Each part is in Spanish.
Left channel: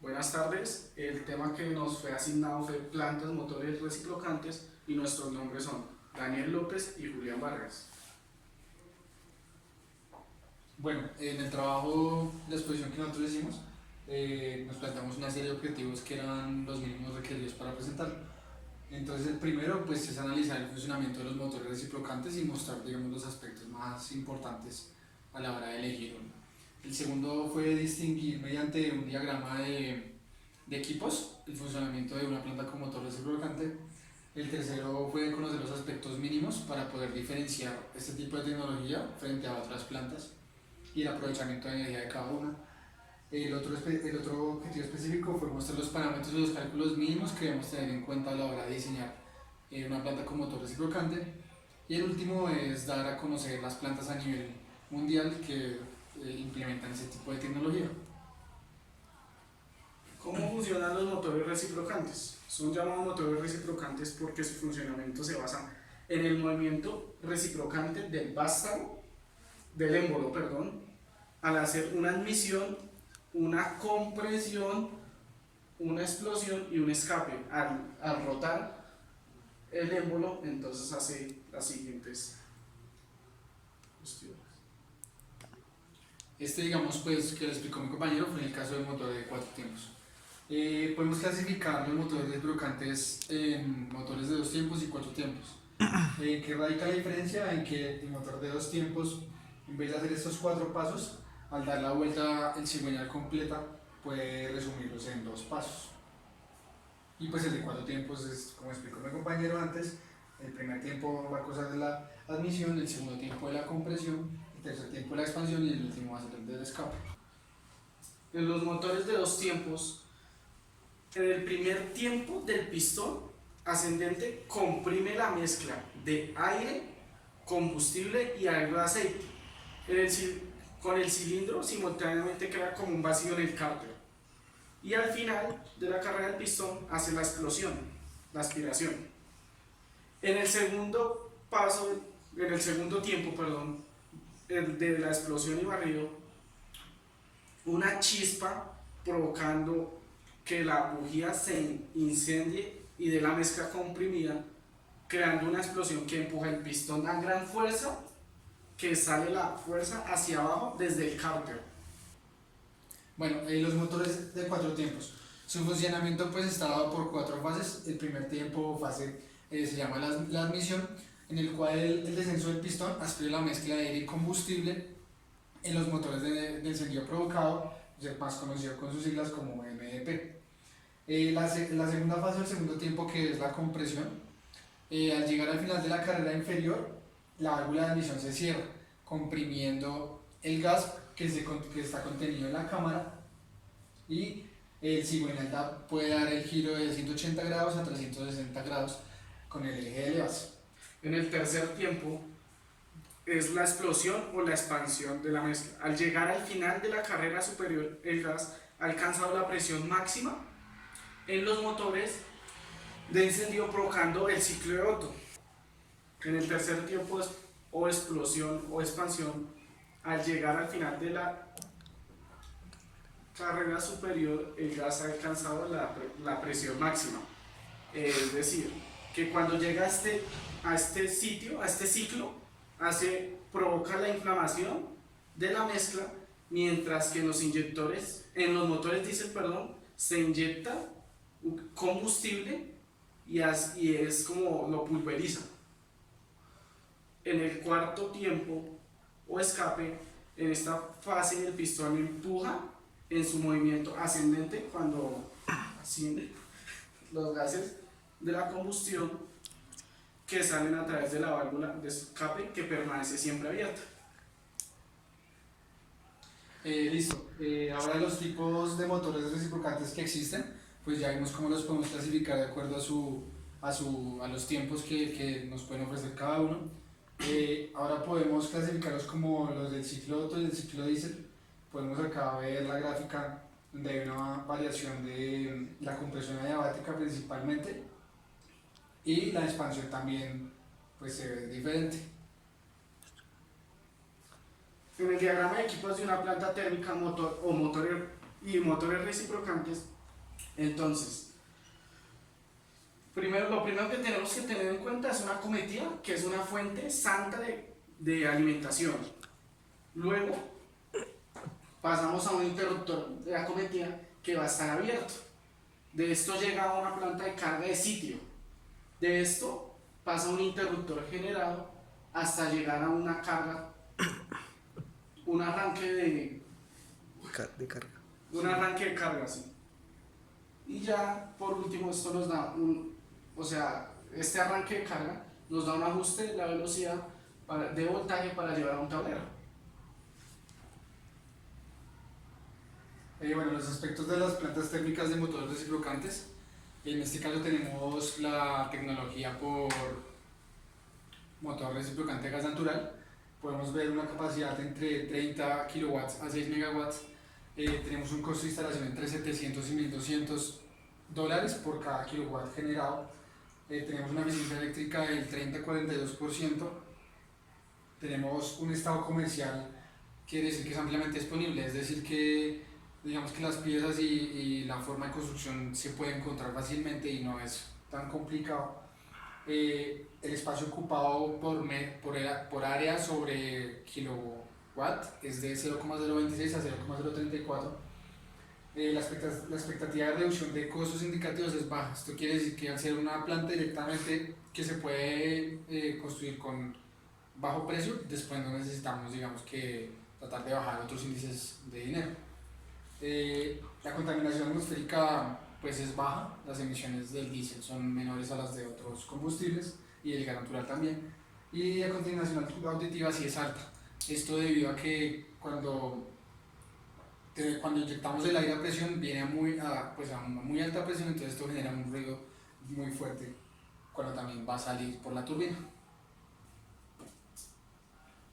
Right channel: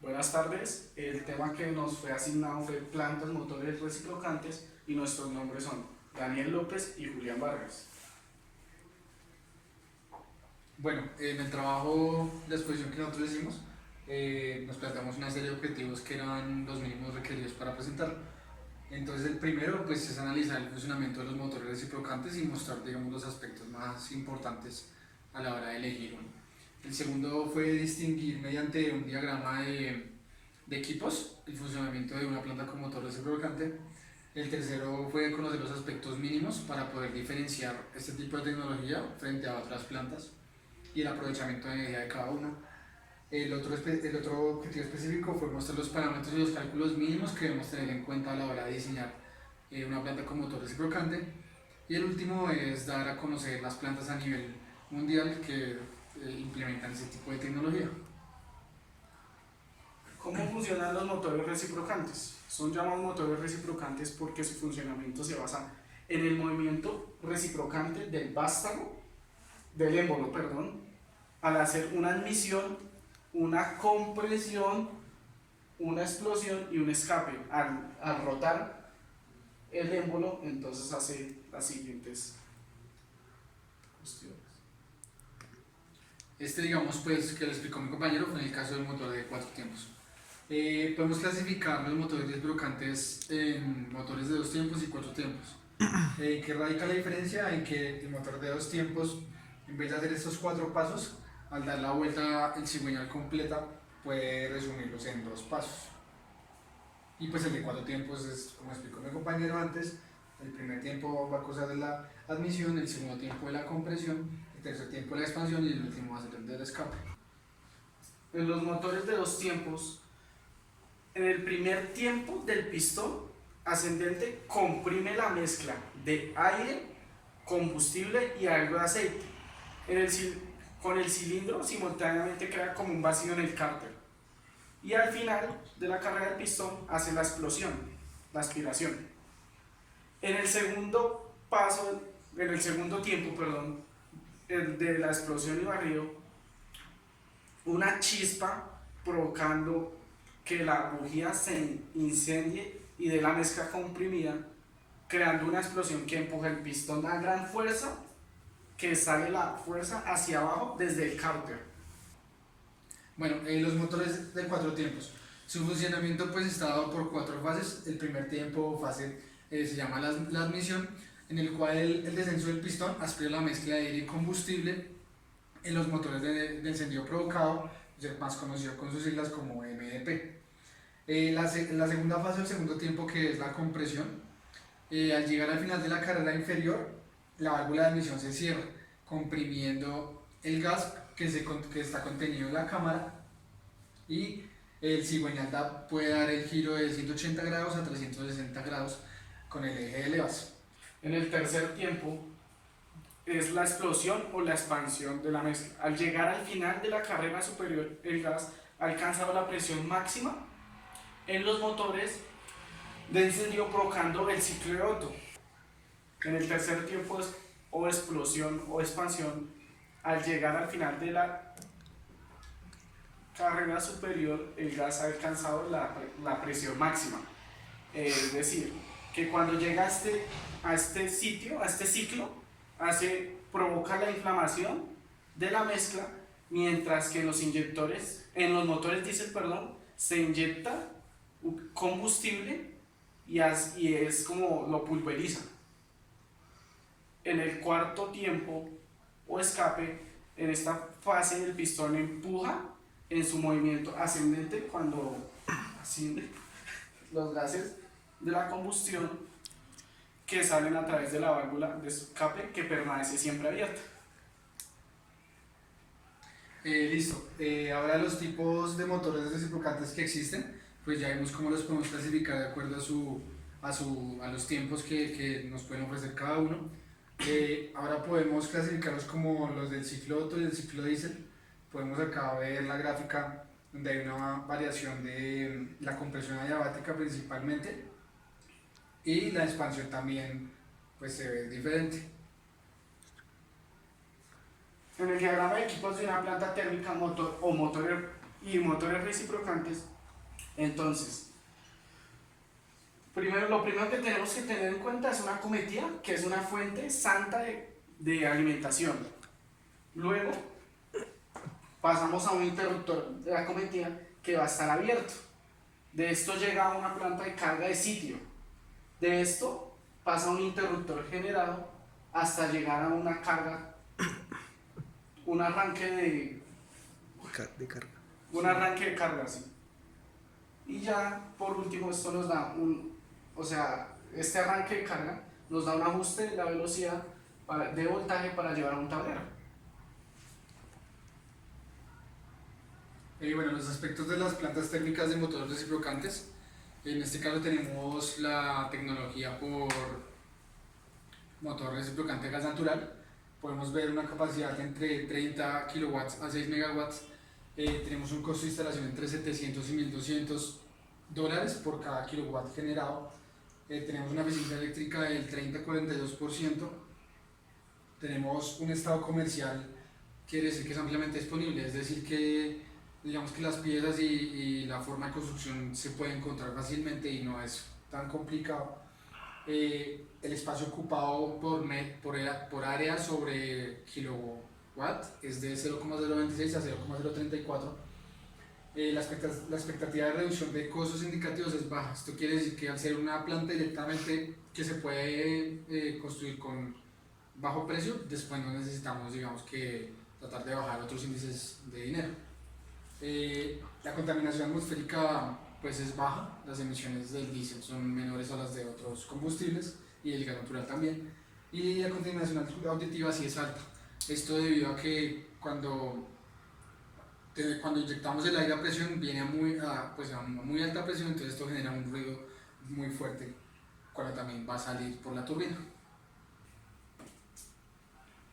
Buenas tardes, el tema que nos fue asignado fue plantas motores reciprocantes y nuestros nombres son Daniel López y Julián Vargas. Bueno, en el trabajo, la exposición que nosotros hicimos, nos planteamos una serie de objetivos que eran los mínimos requeridos para presentarlo. Entonces el primero pues, es analizar el funcionamiento de los motores reciprocantes y mostrar digamos, los aspectos más importantes a la hora de elegir uno. El segundo fue distinguir mediante un diagrama de equipos el funcionamiento de una planta con motor reciprocante. El tercero fue conocer los aspectos mínimos para poder diferenciar este tipo de tecnología frente a otras plantas y el aprovechamiento de energía de cada uno. El otro objetivo específico fue mostrar los parámetros y los cálculos mínimos que debemos tener en cuenta a la hora de diseñar una planta con motor reciprocante. Y el último es dar a conocer las plantas a nivel mundial que implementan ese tipo de tecnología. ¿Cómo funcionan los motores reciprocantes? Son llamados motores reciprocantes porque su funcionamiento se basa en el movimiento reciprocante del émbolo, al hacer una admisión, una compresión, una explosión y un escape. Al rotar el émbolo, entonces hace las siguientes cuestiones. Digamos, pues, que lo explicó mi compañero, fue en el caso del motor de 4 tiempos. Podemos clasificar los motores reciprocantes en motores de 2 tiempos y 4 tiempos. ¿Qué radica la diferencia? En que el motor de 2 tiempos, en vez de hacer estos 4 pasos, al dar la vuelta en cigüeñal completa, puede resumirlos en 2 pasos. Y pues el de 4 tiempos es, como explicó mi compañero antes, el primer tiempo va a causar de la admisión, el segundo tiempo de la compresión, el tercer tiempo de la expansión y el último va a ser el del escape. En los motores de 2 tiempos, en el primer tiempo del pistón ascendente comprime la mezcla de aire, combustible y algo de aceite. Con el cilindro simultáneamente crea como un vacío en el cárter. Y al final de la carrera del pistón hace la explosión, la aspiración. En el segundo tiempo, el de la explosión y barrido, una chispa provocando que la bujía se incendie y de la mezcla comprimida, creando una explosión que empuja el pistón a gran fuerza, que sale la fuerza hacia abajo desde el cárter. Bueno, los motores de 4 tiempos. Su funcionamiento pues está dado por 4 fases. El primer tiempo, fase se llama la admisión, en el cual el descenso del pistón aspira la mezcla de aire y combustible en los motores de encendido provocado, más conocido con sus siglas como MDP. La segunda fase, el segundo tiempo, que es la compresión, al llegar al final de la carrera inferior, la válvula de admisión se cierra, comprimiendo el gas que está contenido en la cámara, y el cigüeñal puede dar el giro de 180 grados a 360 grados con el eje de elevas. En el tercer tiempo es la explosión o la expansión de la mezcla. Al llegar al final de la carrera superior, el gas ha alcanzado la presión máxima en los motores de encendido provocando el ciclo de Otto. En el tercer tiempo o explosión o expansión, al llegar al final de la carrera superior, el gas ha alcanzado la presión máxima. Es decir, que cuando llega a este ciclo, provoca la inflamación de la mezcla, mientras que en los motores diésel, se inyecta combustible y es como lo pulveriza. En el cuarto tiempo o escape, en esta fase el pistón empuja en su movimiento ascendente cuando asciende los gases de la combustión que salen a través de la válvula de escape, que permanece siempre abierta. Listo. Ahora los tipos de motores reciprocantes que existen, pues ya vimos cómo los podemos clasificar de acuerdo a los tiempos que nos pueden ofrecer cada uno. Ahora podemos clasificarlos como los del ciclo Otto y del ciclo Diesel. Podemos acá ver la gráfica donde hay una variación de la compresión adiabática principalmente, y la expansión también pues se ve diferente. En el diagrama de equipos de una planta térmica o motor y motores reciprocantes. Entonces, lo primero que tenemos que tener en cuenta es una cometida, que es una fuente santa de alimentación. Luego pasamos a un interruptor de la cometida que va a estar abierto. De esto llega a una planta de carga de sitio. De esto pasa a un interruptor generado hasta llegar a una carga, un arranque de carga. un arranque de carga, sí. Y ya por último esto nos da este arranque de carga nos da un ajuste de la velocidad de voltaje para llevar a un tablero. Bueno, los aspectos de las plantas térmicas de motores reciprocantes. En este caso tenemos la tecnología por motor reciprocante a gas natural. Podemos ver una capacidad entre 30 kilowatts a 6 megawatts. Tenemos un costo de instalación entre 700 y 1200 dólares por cada kilowatt generado. Tenemos una eficiencia eléctrica del 30-42%. Tenemos un estado comercial, quiere decir que es ampliamente disponible, es decir que digamos que las piezas y la forma de construcción se puede encontrar fácilmente y no es tan complicado. El espacio ocupado por área sobre kilowatt es de 0,026 a 0,034. La expectativa de reducción de costos indicativos es baja. Esto quiere decir que al ser una planta directamente que se puede construir con bajo precio, después no necesitamos, digamos, que tratar de bajar otros índices de dinero. La contaminación atmosférica pues es baja, las emisiones del diésel son menores a las de otros combustibles y el gas natural también, y la contaminación auditiva sí es alta. Esto debido a que cuando inyectamos el aire a presión viene a muy alta presión, entonces esto genera un ruido muy fuerte cuando también va a salir por la turbina.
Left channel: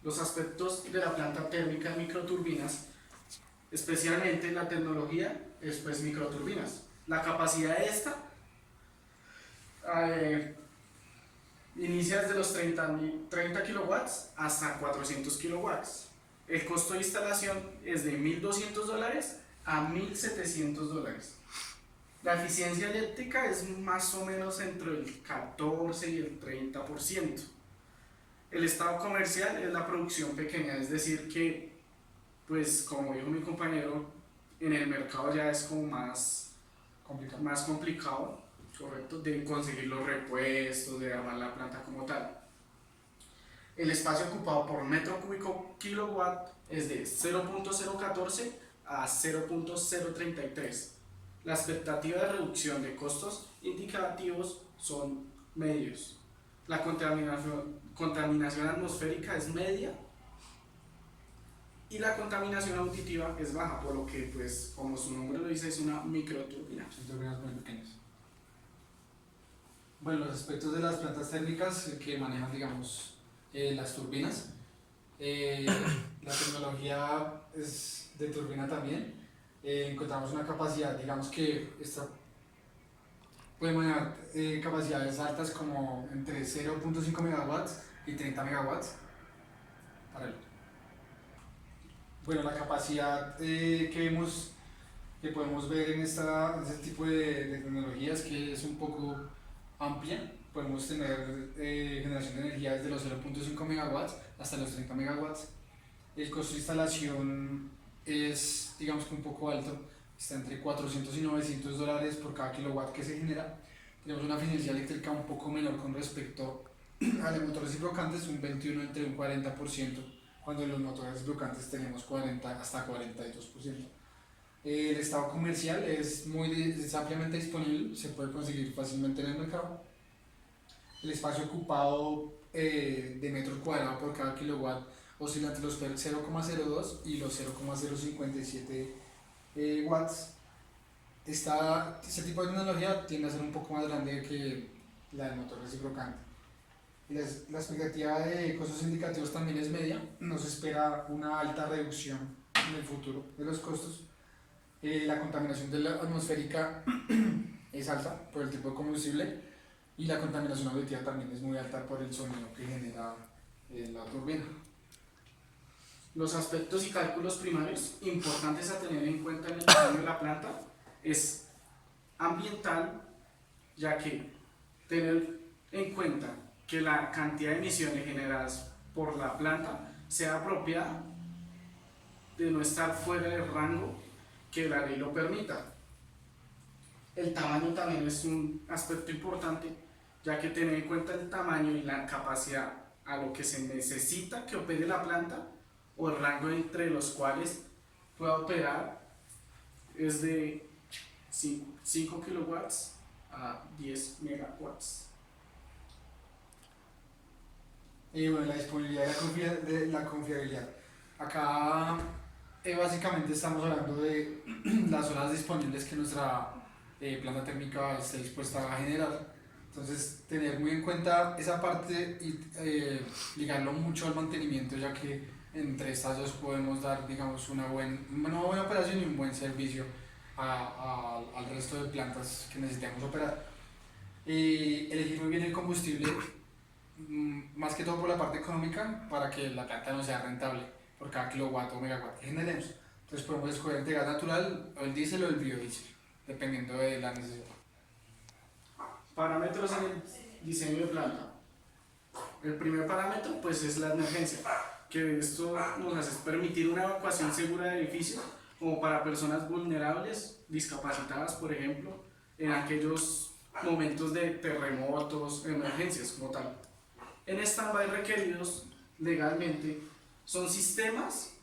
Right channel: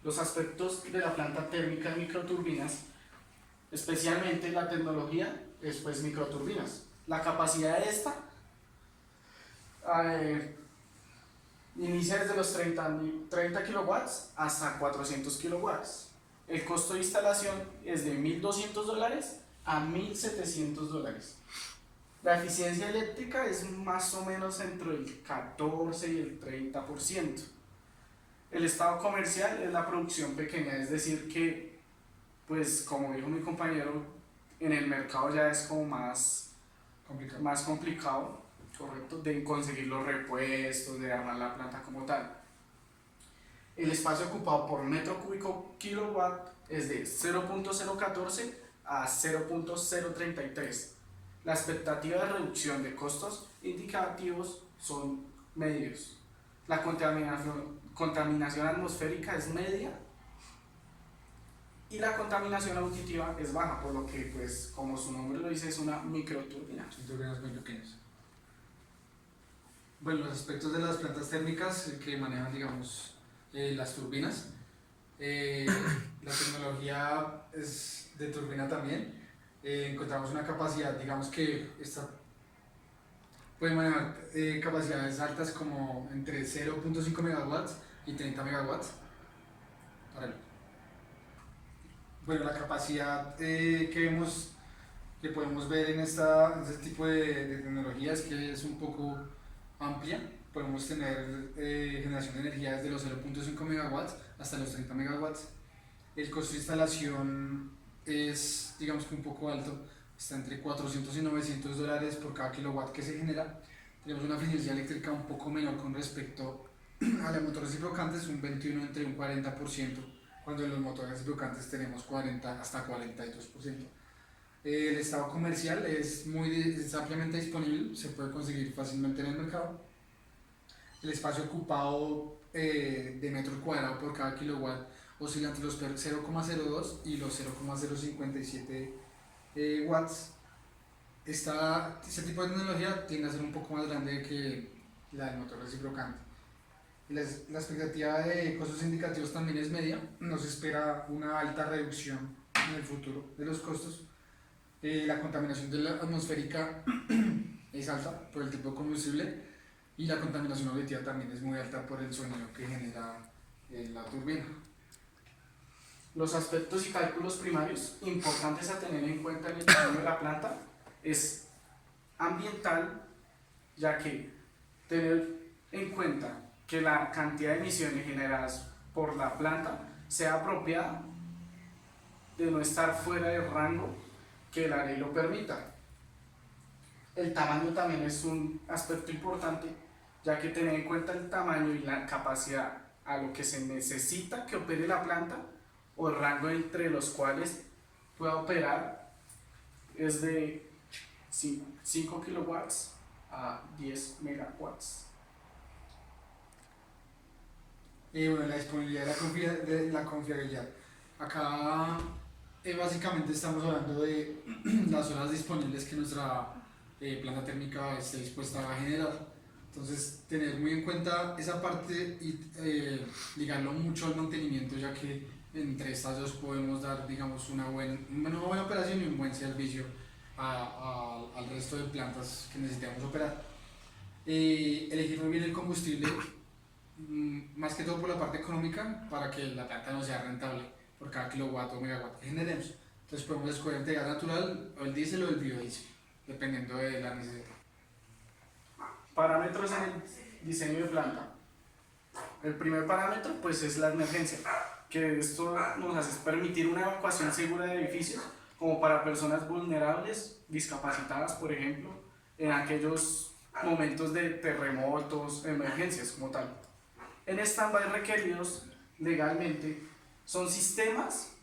Los aspectos de la planta térmica en microturbinas, especialmente la tecnología, es pues microturbinas. La capacidad de esta inicia desde los 30 kilowatts hasta 400 kilowatts. El costo de instalación es de $1,200 a $1,700. La eficiencia eléctrica es más o menos entre el 14 y el 30%. El estado comercial es la producción pequeña, es decir que, pues como dijo mi compañero, en el mercado ya es como más complicado, correcto, de conseguir los repuestos, de armar la planta como tal. El espacio ocupado por metro cúbico kilowatt es de 0.014 a 0.033. La expectativa de reducción de costos indicativos son medios. La contaminación atmosférica es media y la contaminación auditiva es baja, por lo que, pues, como su nombre lo dice, es una microturbina. Son turbinas muy pequeñas. Bueno, los aspectos de las plantas térmicas que manejan, digamos, las turbinas. La tecnología es de turbina también. Encontramos una capacidad, digamos que esta puede manejar capacidades altas como entre 0.5 megawatts y 30 megawatts. Bueno, la capacidad que podemos ver en este tipo de tecnologías que es un poco amplia. Podemos tener generación de energía desde los 0.5 megawatts hasta los 30 megawatts. El costo de instalación es, digamos que un poco alto, está entre 400 y 900 dólares por cada kilowatt que se genera. Tenemos una eficiencia eléctrica un poco menor con respecto a los motores reciprocantes, un 21 entre un 40%, cuando en los motores reciprocantes tenemos 40 hasta 42%. El estado comercial es ampliamente disponible, se puede conseguir fácilmente en el mercado. El espacio ocupado de metro cuadrado por cada kilowatt oscila entre los 0,02 y los 0,057 watts. Este tipo de tecnología tiende a ser un poco más grande que la del motor reciprocante. La expectativa de costos indicativos también es media, no se espera una alta reducción en el futuro de los costos. La contaminación de la atmosférica es alta por el tipo de combustible y la contaminación auditiva también es muy alta por el sonido que genera la turbina. Los aspectos y cálculos primarios importantes a tener en cuenta en el diseño de la planta es ambiental, ya que tener en cuenta que la cantidad de emisiones generadas por la planta sea apropiada, de no estar fuera del rango que la ley lo permita. El tamaño también es un aspecto importante, ya que tener en cuenta el tamaño y la capacidad a lo que se necesita que opere la planta o el rango entre los cuales pueda operar es de 5 kilowatts a 10 megawatts. Y bueno, la disponibilidad de la confiabilidad. Acá básicamente estamos hablando de las horas disponibles que nuestra planta térmica esté dispuesta a generar. Entonces, tener muy en cuenta esa parte y ligarlo mucho al mantenimiento, ya que entre estas dos podemos dar, digamos, una buena operación y un buen servicio al resto de plantas que necesitemos operar. Elegir muy bien el combustible, más que todo por la parte económica, para que la planta no sea rentable por cada kilowatt o megawatt que generemos. Entonces podemos escoger entre gas natural o el diésel o el biodiesel, dependiendo de la necesidad. Parámetros en el diseño de planta. El primer parámetro pues es la emergencia, que esto nos hace permitir una evacuación segura de edificios, como para personas vulnerables, discapacitadas por ejemplo, en aquellos momentos de terremotos, emergencias como tal. En stand-by requeridos legalmente son sistemas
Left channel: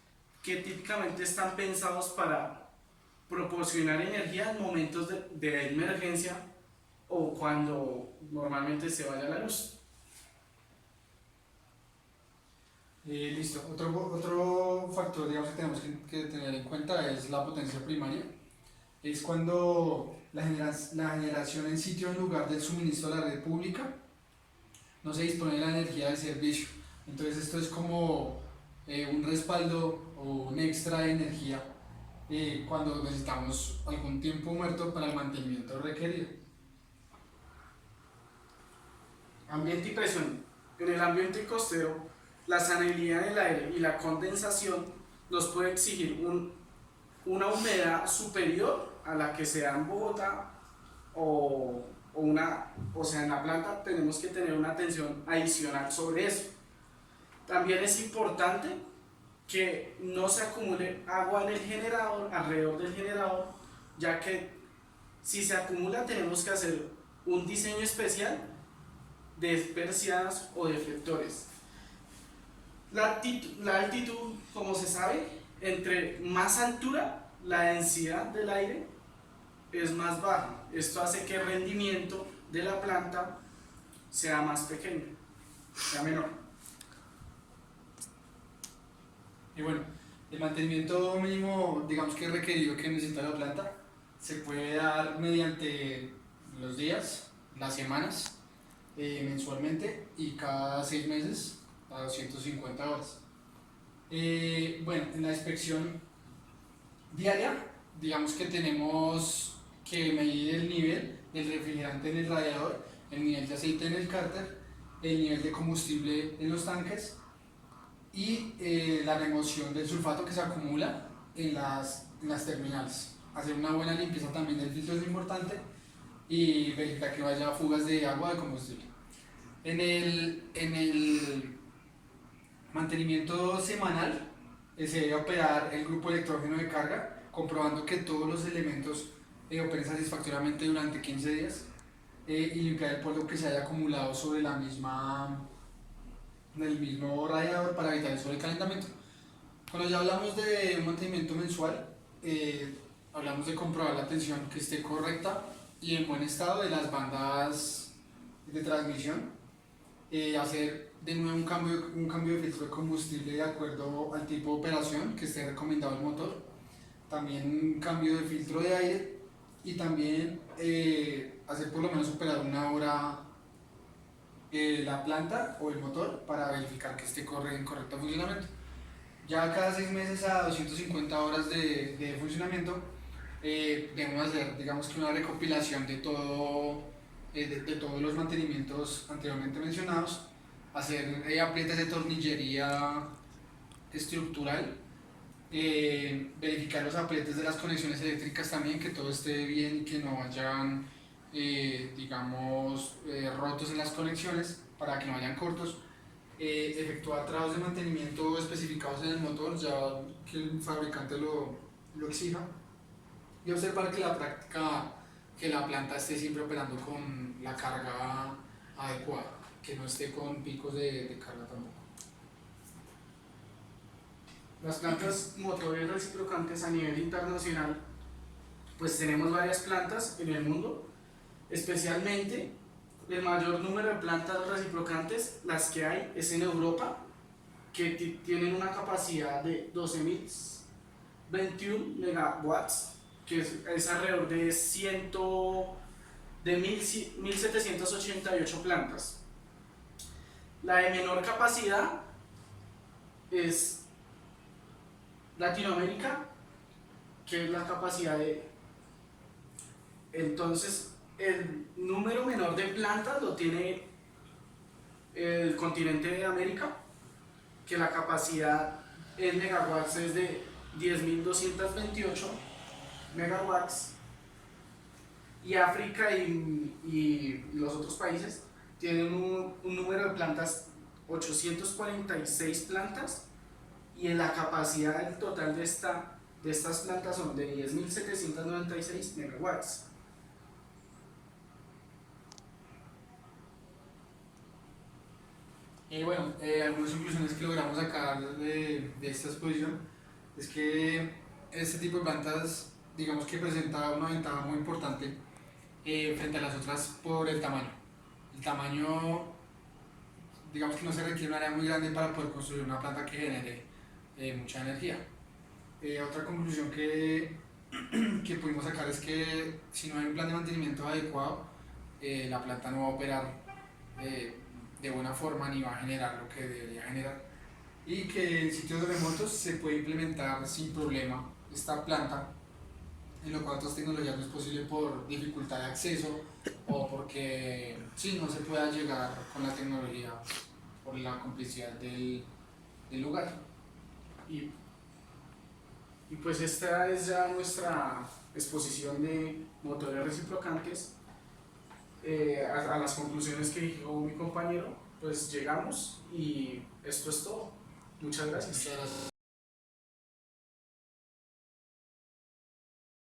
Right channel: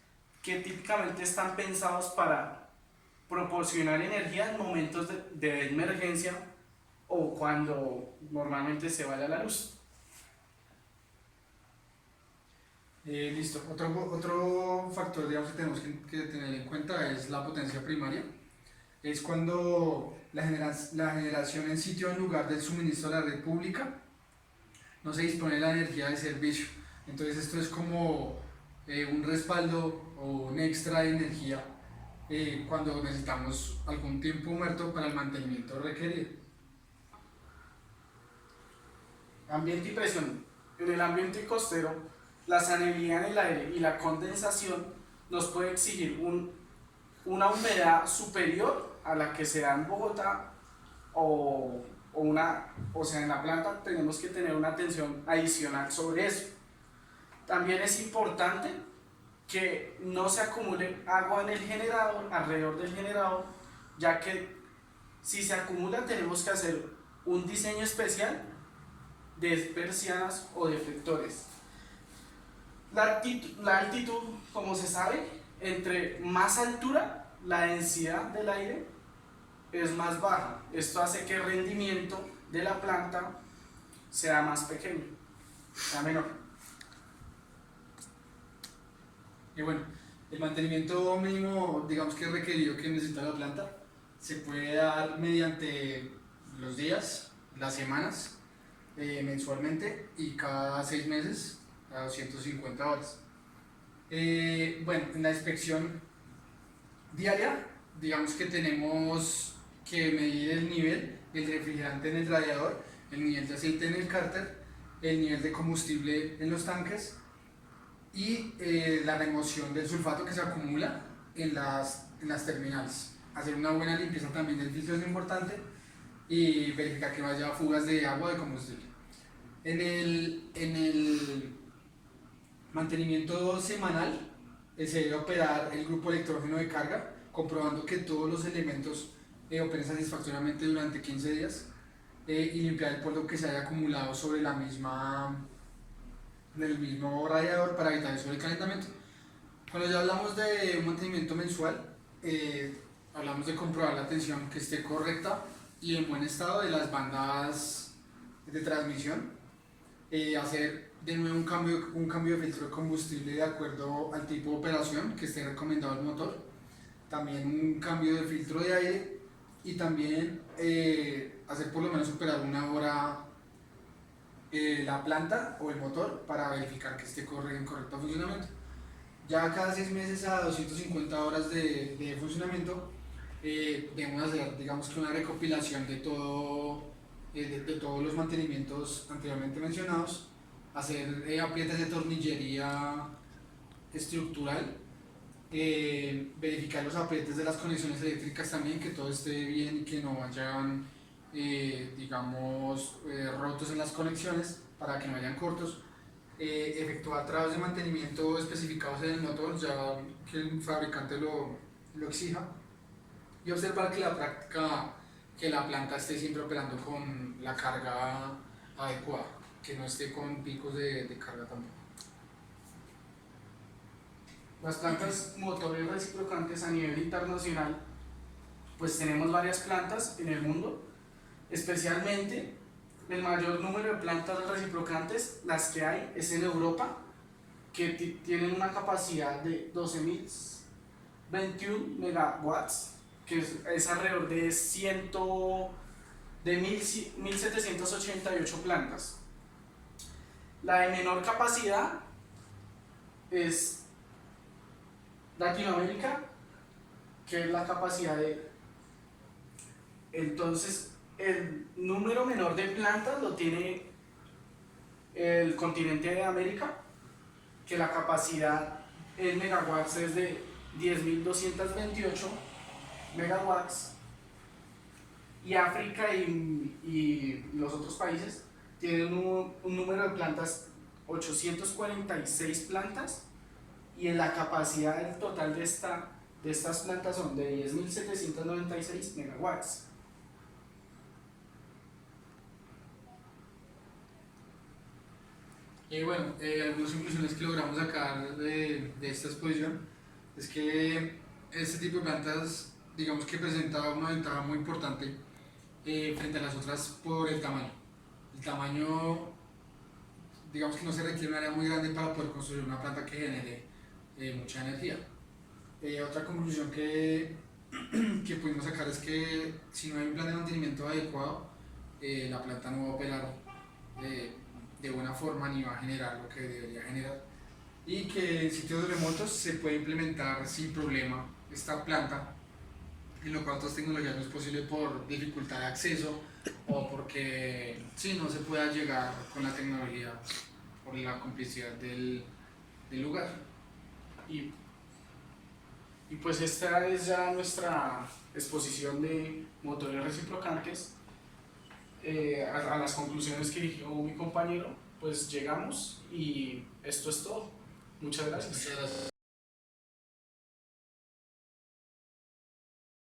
que típicamente están pensados para proporcionar energía en momentos de emergencia o cuando normalmente se vaya la luz. Listo. Otro factor, digamos, que tenemos que tener en cuenta es la potencia primaria. Es cuando la generación en sitio en lugar del suministro a la red pública no se dispone de la energía de servicio. Entonces esto es como un respaldo o un extra de energía cuando necesitamos algún tiempo muerto para el mantenimiento requerido. Ambiente y presión. En el ambiente costero, la salinidad en el aire y la condensación nos puede exigir una humedad superior a la que se da en Bogotá o sea, en la planta tenemos que tener una atención adicional sobre eso. También es importante que no se acumule agua en el generador, alrededor del generador, ya que si se acumula tenemos que hacer un diseño especial de persianas o deflectores. La altitud, como se sabe, entre más altura, la densidad del aire es más baja. Esto hace que el rendimiento de la planta sea más pequeño, sea menor. Y bueno, el mantenimiento mínimo, digamos que requerido que necesita la planta, se puede dar mediante los días, las semanas, mensualmente y cada 6 meses a 250 horas. Bueno, en la inspección diaria, digamos que tenemos que medir el nivel del refrigerante en el radiador, el nivel de aceite en el cárter, el nivel de combustible en los tanques y la remoción del sulfato que se acumula en las terminales. Hacer una buena limpieza también del filtro es importante y verificar que no haya fugas de agua o de combustible. En el mantenimiento semanal se debe operar el grupo electrógeno de carga, comprobando que todos los elementos operen satisfactoriamente durante 15 días y limpiar el polvo que se haya acumulado sobre del mismo radiador para evitar el sobrecalentamiento. Cuando ya hablamos de un mantenimiento mensual, hablamos de comprobar la tensión que esté correcta y en buen estado de las bandas de transmisión, hacer de nuevo un cambio de filtro de combustible de acuerdo al tipo de operación que esté recomendado el motor, también un cambio de filtro de aire y también hacer por lo menos superar una hora la planta o el motor para verificar que esté en correcto funcionamiento. Ya cada 6 meses a 250 horas de funcionamiento debemos hacer, digamos que una recopilación de todos los mantenimientos anteriormente mencionados, hacer aprietes de tornillería estructural, verificar los apretes de las conexiones eléctricas también, que todo esté bien y que no vayan, digamos, rotos en las conexiones para que no hayan cortos, efectuar trabajos de mantenimiento especificados en el motor, ya que el fabricante lo exija, y observar que la práctica, que la planta esté siempre operando con la carga adecuada, que no esté con picos de carga tampoco. Las plantas motores reciprocantes a nivel internacional, pues tenemos varias plantas en el mundo, especialmente el mayor número de plantas reciprocantes, las que hay, es en Europa, que tienen una capacidad de 12.021 megawatts, que es alrededor de 1.788 plantas. La de menor capacidad es Latinoamérica, que es la capacidad de... Entonces, el número menor de plantas lo tiene el continente de América, que la capacidad en megawatts es de 10.228 megawatts, y África y los otros países tienen un número de plantas, 846 plantas, y en la capacidad total de estas plantas son de 10.796 megawatts. Y bueno, algunas conclusiones que logramos sacar de esta exposición es que este tipo de plantas, digamos que presenta una ventaja muy importante frente a las otras por el tamaño. El tamaño, digamos que no se requiere un área muy grande para poder construir una planta que genere mucha energía. Otra conclusión que pudimos sacar es que si no hay un plan de mantenimiento adecuado, la planta no va a operar de buena forma ni va a generar lo que debería generar, y que en sitios remotos se puede implementar sin problema esta planta, en lo cual otras tecnologías no es posible por dificultad de acceso o porque sí, no se pueda llegar con la tecnología por la complicidad del lugar. Y pues esta es ya nuestra exposición de motores reciprocantes. A las conclusiones que dijo mi compañero, pues llegamos, y esto es todo. Muchas gracias. Muchas gracias.